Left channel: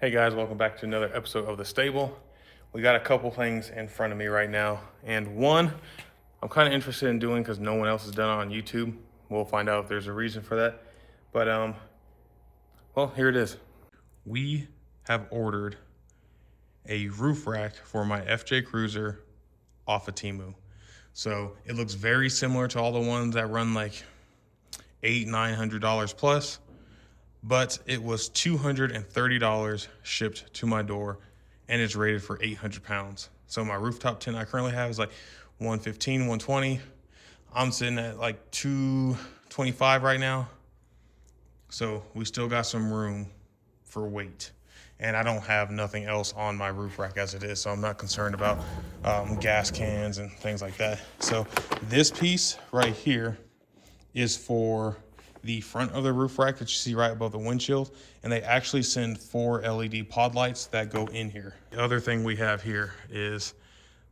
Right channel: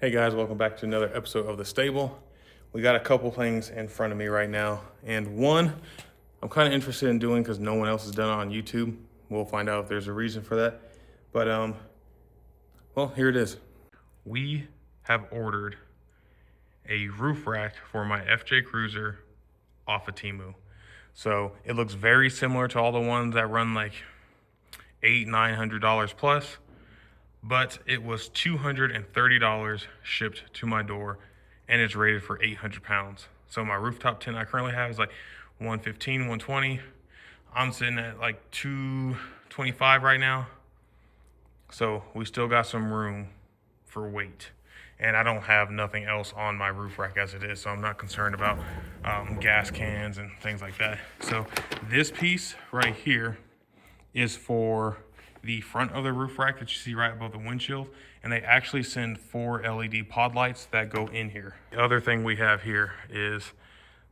Hey guys, welcome back to another episode of The Stable. We got a couple things in front of me right now, and one I'm kind of interested in doing because no one else has done it on YouTube. We'll find out if there's a reason for that. But well, here it is. We have ordered a roof rack for my FJ Cruiser off of Temu. So it looks very similar to all the ones that run like $800-900 plus. But it was $230 shipped to my door, and it's rated for 800 pounds. So my rooftop tent I currently have is like 115, 120. I'm sitting at like 225 right now. So we still got some room for weight. And I don't have nothing else on my roof rack as it is, so I'm not concerned about gas cans and things like that. So this piece right here is for the front of the roof rack that you see right above the windshield, and they actually send 4 LED pod lights that go in here. The other thing we have here is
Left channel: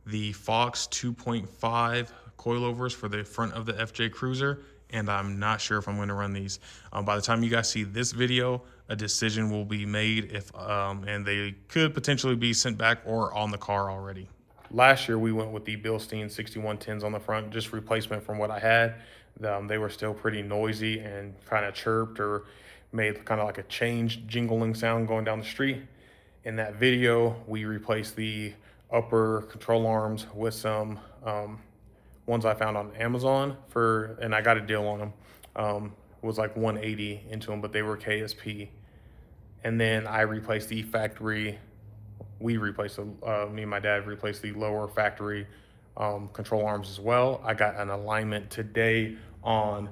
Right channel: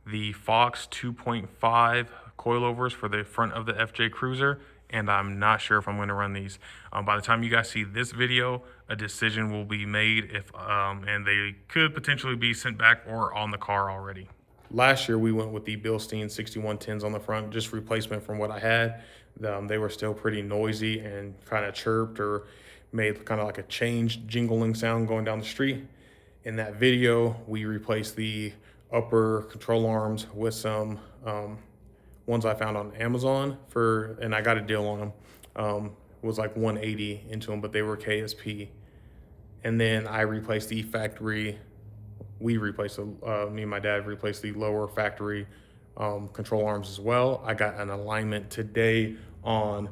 the Fox 2.5 coilovers for the front of the FJ Cruiser, and I'm not sure if I'm going to run these. By the time you guys see this video, a decision will be made if and they could potentially be sent back or on the car already. Last year we went with the Bilstein 6110s on the front, just replacement from what I had. They were still pretty noisy and kind of chirped or made kind of like a change jingling sound going down the street. In that video, we replaced the upper control arms with some ones I found on Amazon and I got a deal on them. Was like 180 into them, but they were KSP. And then I replaced the factory. Me and my dad replaced the lower factory control arms as well. I got an alignment today on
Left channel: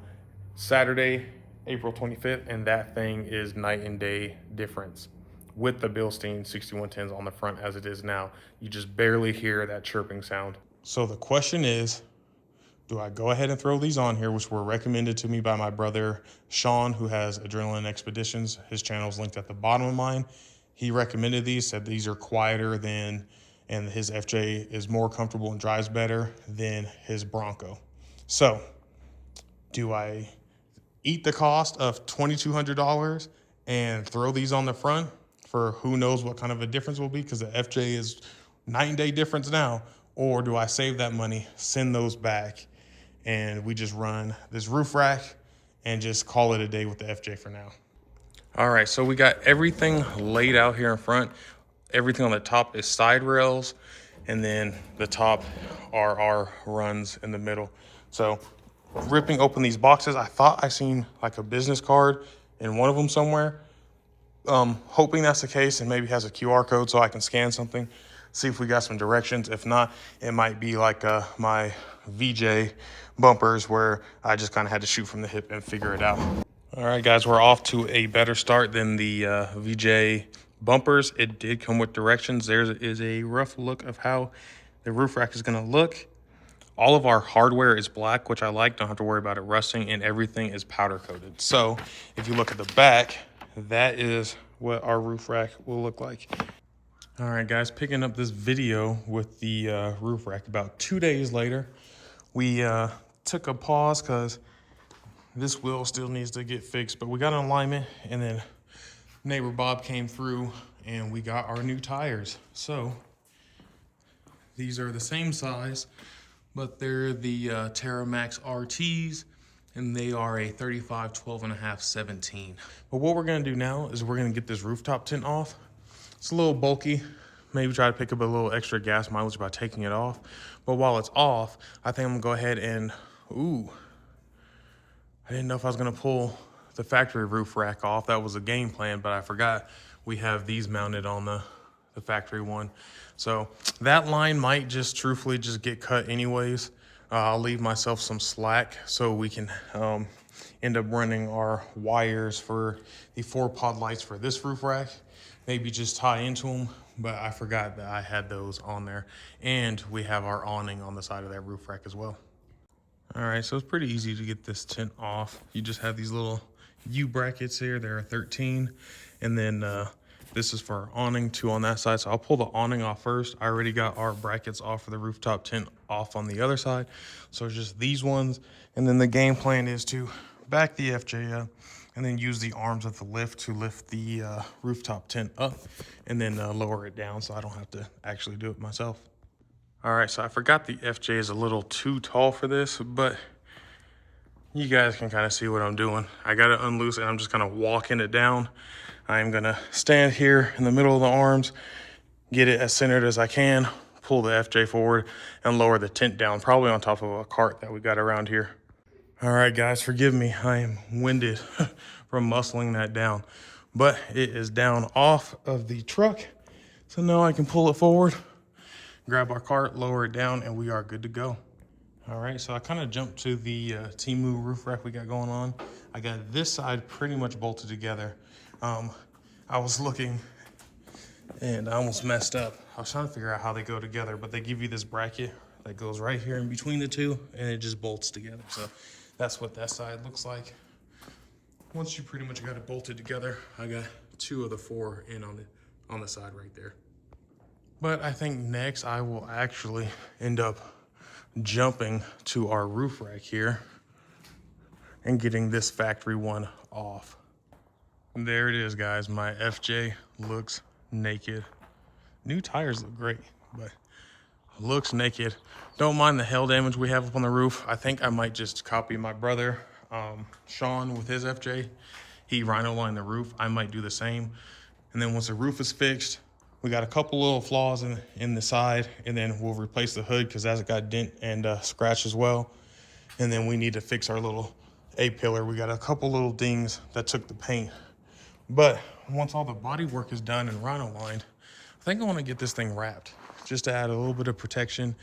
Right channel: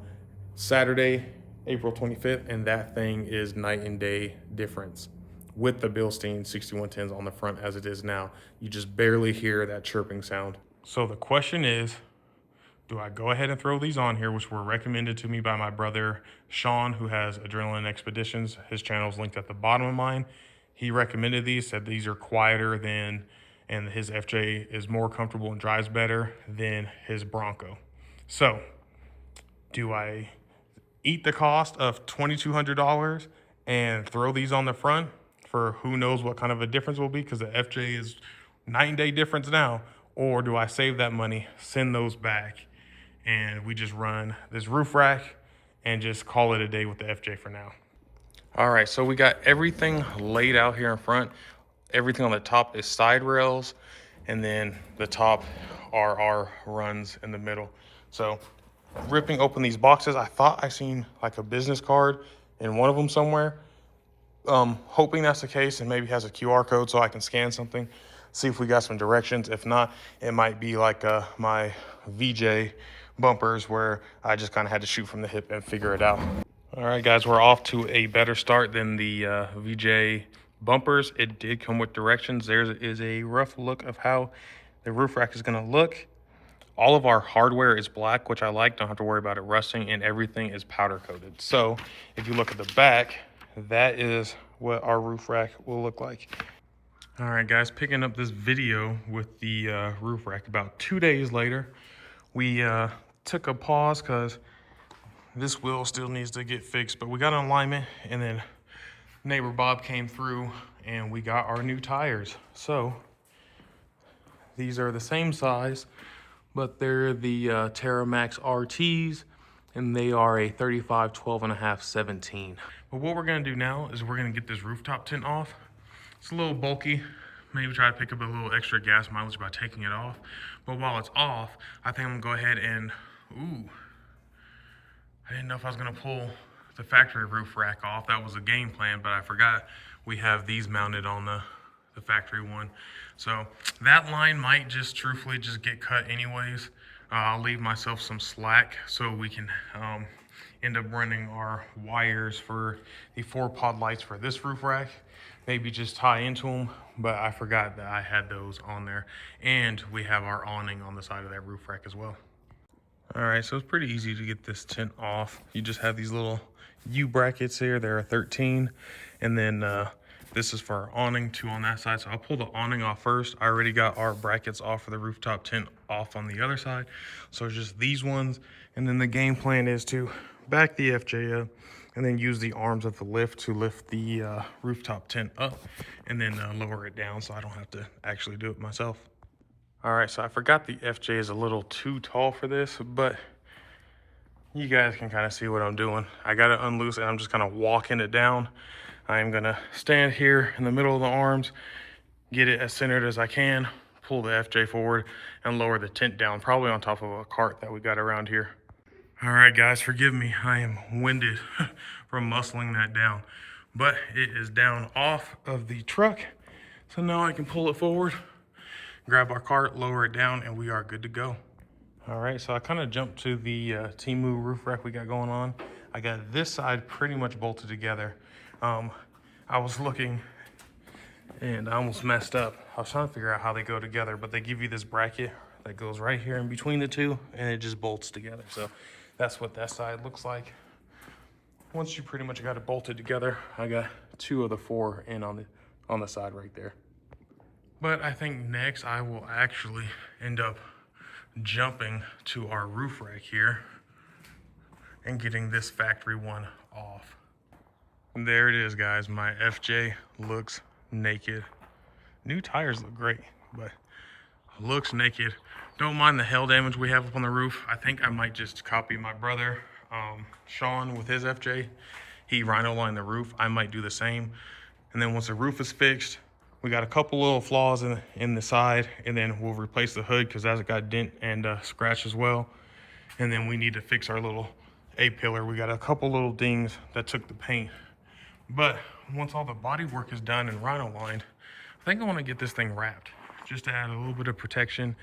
Saturday, April 25th, and that thing is night and day difference with the Bilstein 6110s on the front as it is now. You just barely hear that chirping sound. So the question is, do I go ahead and throw these on here, which were recommended to me by my brother Sean, who has Adrenaline Expeditions. His channel is linked at the bottom of mine. He recommended these, said these are quieter than, and his FJ is more comfortable and drives better than his Bronco. So do I eat the cost of $2,200 and throw these on the front for who knows what kind of a difference will be, because the FJ is night and day difference now? Or do I save that money, send those back, and we just run this roof rack and just call it a day with the FJ for now? All right, so we got everything laid out here in front. Everything on the top is side rails, and then the top are our runs in the middle. So ripping open these boxes, I thought I seen like a business card in one of them somewhere. Hoping that's the case, and maybe has a QR code so I can scan something, see if we got some directions. If not, it might be like my VJ bumpers where I just kind of had to shoot from the hip and figure it out. All right, guys, we're off to a better start than the VJ bumpers. It did come with directions. There is a rough look of how the roof rack is going to look. All of our hardware is black, which I like. Don't have to worry about it rusting, and everything is powder coated. So if you look at the back, that is what our roof rack will look like. All right, guys, picking up this video with the roof rack about 2 days later. We took a pause because this wheel still needs to get fixed, but we got an alignment, and then neighbor Bob came through and we got our new tires. So these are the same size, but they're the TerraMax RTs, and they are a 35, 12.5, 17. But what we're gonna do now is we're gonna get this rooftop tent off. It's a little bulky. Maybe try to pick up a little extra gas mileage by taking it off. But while it's off, I think I'm gonna go ahead and, I didn't know if I was gonna pull the factory roof rack off. That was a game plan, but I forgot we have these mounted on the factory one. So that line might just truthfully just get cut anyways. I'll leave myself some slack so we can end up running our wires for the 4 pod lights for this roof rack. Maybe just tie into them, but I forgot that I had those on there. And we have our awning on the side of that roof rack as well. All right, so it's pretty easy to get this tent off. You just have these little U brackets here. There are 13. And then this is for our awning, 2 on that side. So I'll pull the awning off first. I already got our brackets off for the rooftop tent off on the other side. So it's just these ones. And then the game plan is to back the FJ up and then use the arms of the lift to lift the rooftop tent up and then lower it down so I don't have to actually do it myself. All right, so I forgot the FJ is a little too tall for this, but you guys can kind of see what I'm doing. I got it unloose and I'm just kind of walking it down. I am gonna stand here in the middle of the arms, get it as centered as I can, pull the FJ forward and lower the tent down, probably on top of a cart that we got around here. All right, guys, forgive me. I am winded from muscling that down, but it is down off of the truck. So now I can pull it forward, grab our cart, lower it down, and we are good to go. All right, so I kind of jumped to the Temu roof rack we got going on. I got this side pretty much bolted together. I was looking and I almost messed up. I was trying to figure out how they go together, but they give you this bracket that goes right here in between the two and it just bolts together. So that's what that side looks like. Once you pretty much got it bolted together, I got 2 of the 4 in on the side right there. But I think next I will actually end up jumping to our roof rack here and getting this factory one off. And there it is, guys. My FJ looks naked. New tires look great, but looks naked. Don't mind the hail damage we have up on the roof. I think I might just copy my brother, Sean, with his FJ. He rhino lined the roof. I might do the same. And then once the roof is fixed, we got a couple little flaws in the side, and then we'll replace the hood because that's got dent and scratch as well. And then we need to fix our little A-pillar. We got a couple little dings that took the paint. But once all the body work is done and rhino lined, I think I want to get this thing wrapped just to add a little bit of protection.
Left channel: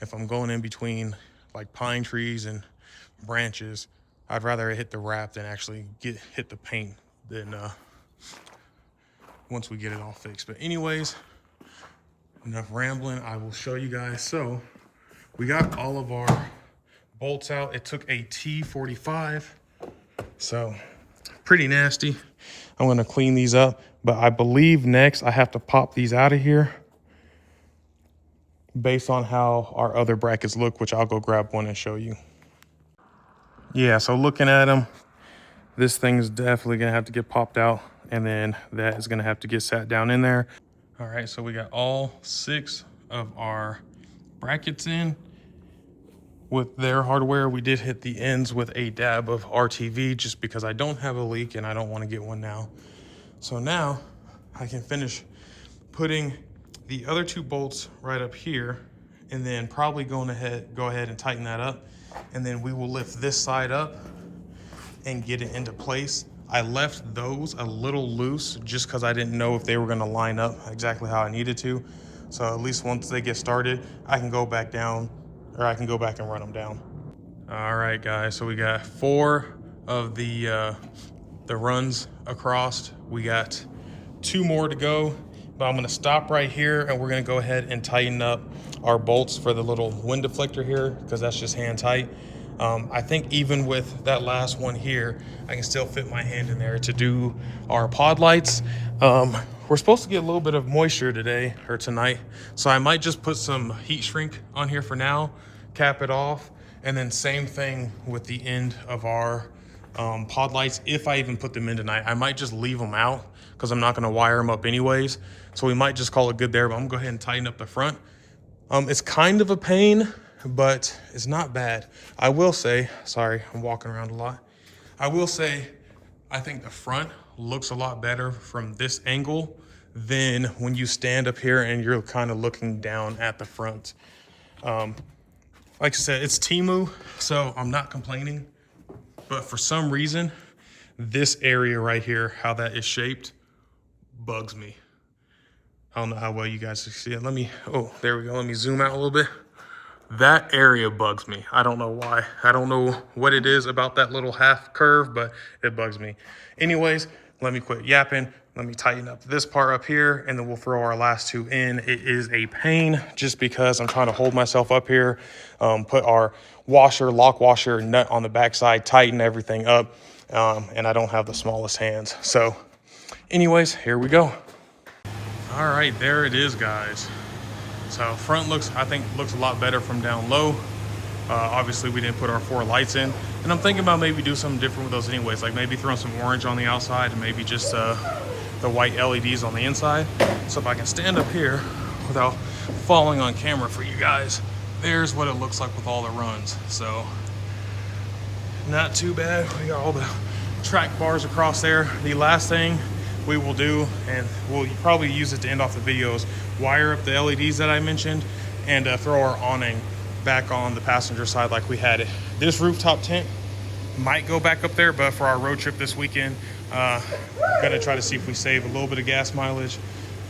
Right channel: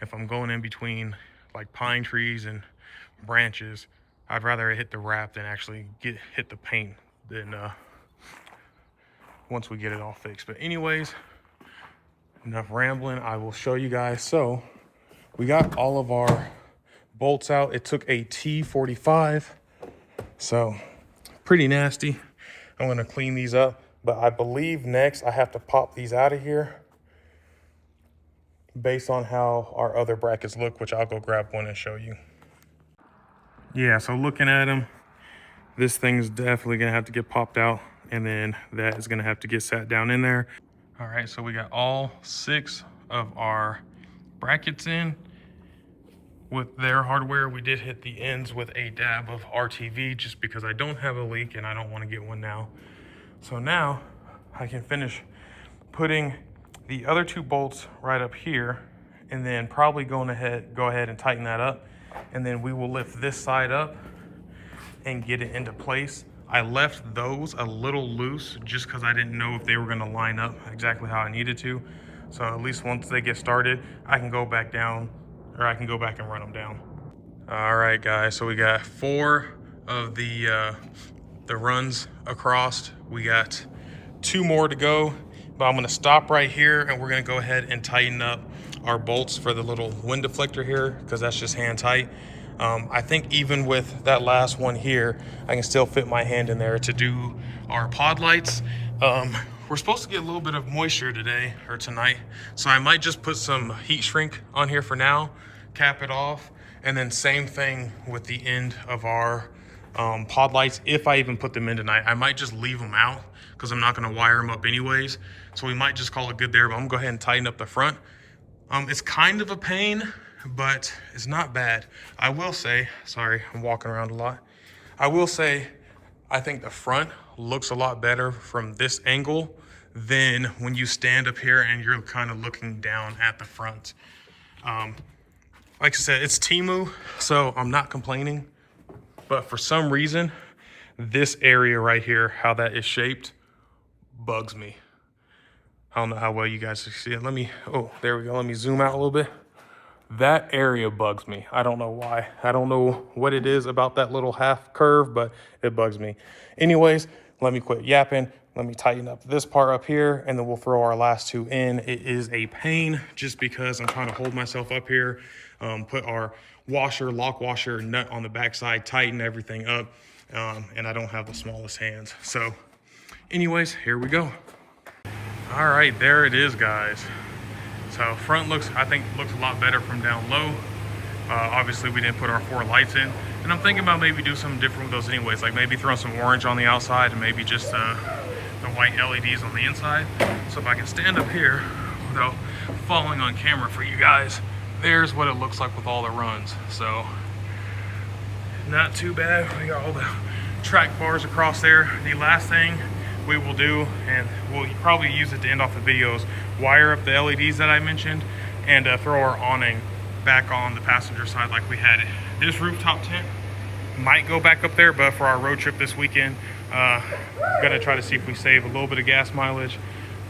If I'm going in between like pine trees and branches, I'd rather hit the wrap than actually hit the paint than once we get it all fixed. But anyways, enough rambling. I will show you guys. So we got all of our bolts out. It took a T45, so pretty nasty. I'm gonna clean these up, but I believe next I have to pop these out of here based on how our other brackets look, which I'll go grab one and show you. Yeah, so looking at them, this thing is definitely gonna have to get popped out, and then that is gonna have to get sat down in there. All right, so we got all 6 of our brackets in with their hardware. We did hit the ends with a dab of RTV just because I don't have a leak and I don't want to get one now. So now I can finish putting the other 2 bolts right up here, and then probably go ahead and tighten that up, and then we will lift this side up and get it into place. I left those a little loose just because I didn't know if they were going to line up exactly how I needed to. So at least once they get started, I can go back down, or I can go back and run them down. All right, guys, so we got 4 of the runs across. We got 2 more to go, but I'm gonna stop right here and we're gonna go ahead and tighten up our bolts for the little wind deflector here, because that's just hand tight. I think even with that last one here, I can still fit my hand in there to do our pod lights. We're supposed to get a little bit of moisture today or tonight, so I might just put some heat shrink on here for now, cap it off, and then same thing with the end of our pod lights. If I even put them in tonight, I might just leave them out because I'm not going to wire them up anyways. So we might just call it good there, but I'm going to go ahead and tighten up the front. It's kind of a pain, but it's not bad. I will say, sorry, I'm walking around a lot. I will say, I think the front looks a lot better from this angle than when you stand up here and you're kind of looking down at the front. Like I said, it's Temu, so I'm not complaining. But for some reason, this area right here, how that is shaped, bugs me. I don't know how well you guys can see it. Oh, there we go. Let me zoom out a little bit. That area bugs me. I don't know why. I don't know what it is about that little half curve, but it bugs me. Anyways, let me quit yapping. Let me tighten up this part up here, and then we'll throw our last 2 in. It is a pain just because I'm trying to hold myself up here, put our lock washer nut on the backside, tighten everything up, and I don't have the smallest hands. So anyways, here we go. All right, there it is, guys. So front I think looks a lot better from down low. Obviously, we didn't put our 4 lights in, and I'm thinking about maybe do something different with those anyways, like maybe throwing some orange on the outside and maybe just the white LEDs on the inside. So if I can stand up here without falling on camera for you guys, there's what it looks like with all the runs. So not too bad. We got all the track bars across there. The last thing we will do, and we'll probably use it to end off the videos, wire up the LEDs that I mentioned and throw our awning back on the passenger side like we had it. This rooftop tent might go back up there, but for our road trip this weekend, gonna try to see if we save a little bit of gas mileage,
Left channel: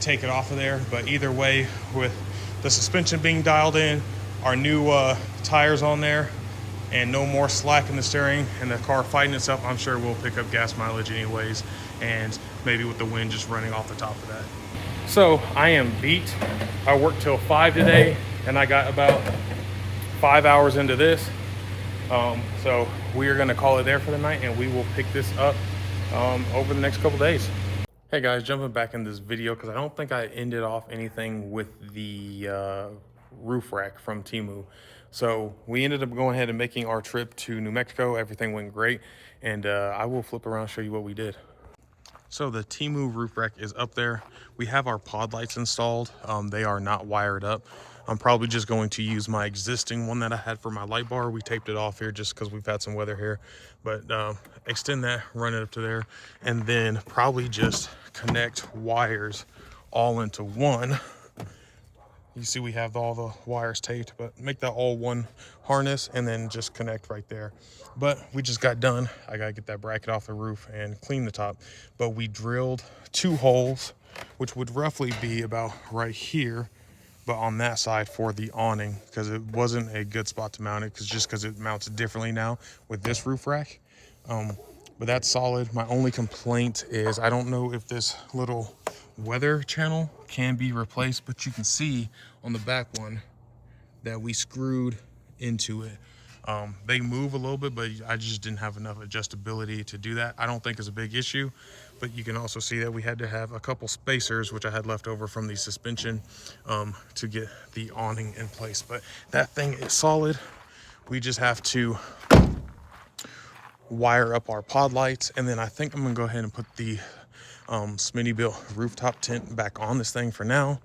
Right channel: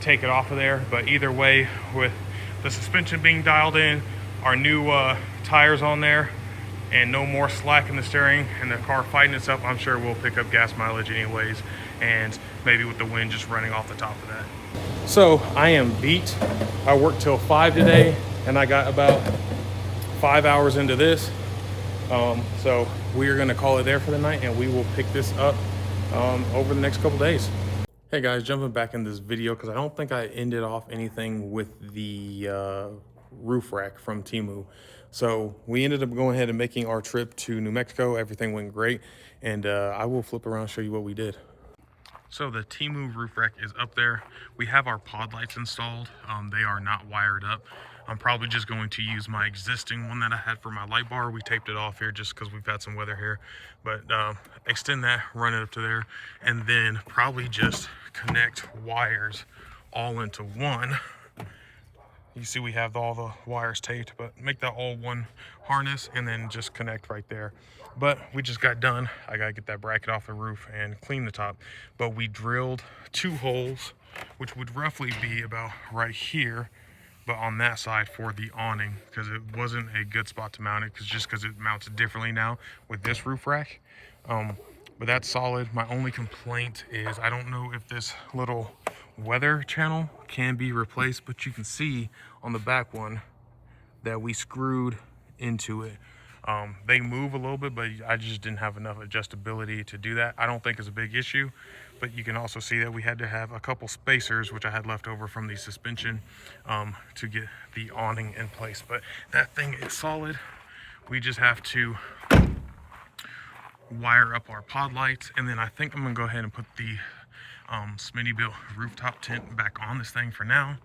take it off of there. But either way, with the suspension being dialed in, our new tires on there, and no more slack in the steering and the car fighting itself, I'm sure we'll pick up gas mileage anyways, and maybe with the wind just running off the top of that. So I am beat. I worked till 5 today, and I got about 5 hours into this. So we are gonna call it there for the night, and we will pick this up over the next couple days. Hey guys, jumping back in this video because I don't think I ended off anything with the roof rack from Temu. So we ended up going ahead and making our trip to New Mexico. Everything went great, and I will flip around and show you what we did. So the Temu roof rack is up there. We have our pod lights installed. They are not wired up. I'm probably just going to use my existing one that I had for my light bar. We taped it off here just because we've had some weather here. But extend that, run it up to there, and then probably just connect wires all into one. You see we have all the wires taped, but make that all one harness and then just connect right there. But we just got done. I gotta get that bracket off the roof and clean the top. But we drilled 2 holes, which would roughly be about right here, but on that side for the awning, because it wasn't a good spot to mount it, because it mounts differently now with this roof rack. But that's solid. My only complaint is I don't know if this little weather channel can be replaced, but you can see on the back one that we screwed into it. They move a little bit, but I just didn't have enough adjustability to do that. I don't think it's a big issue, but you can also see that we had to have a couple spacers, which I had left over from the suspension, to get the awning in place. But that thing is solid. We just have to wire up our pod lights, and then I think I'm gonna go ahead and put the Smittybilt rooftop tent back on this thing for now.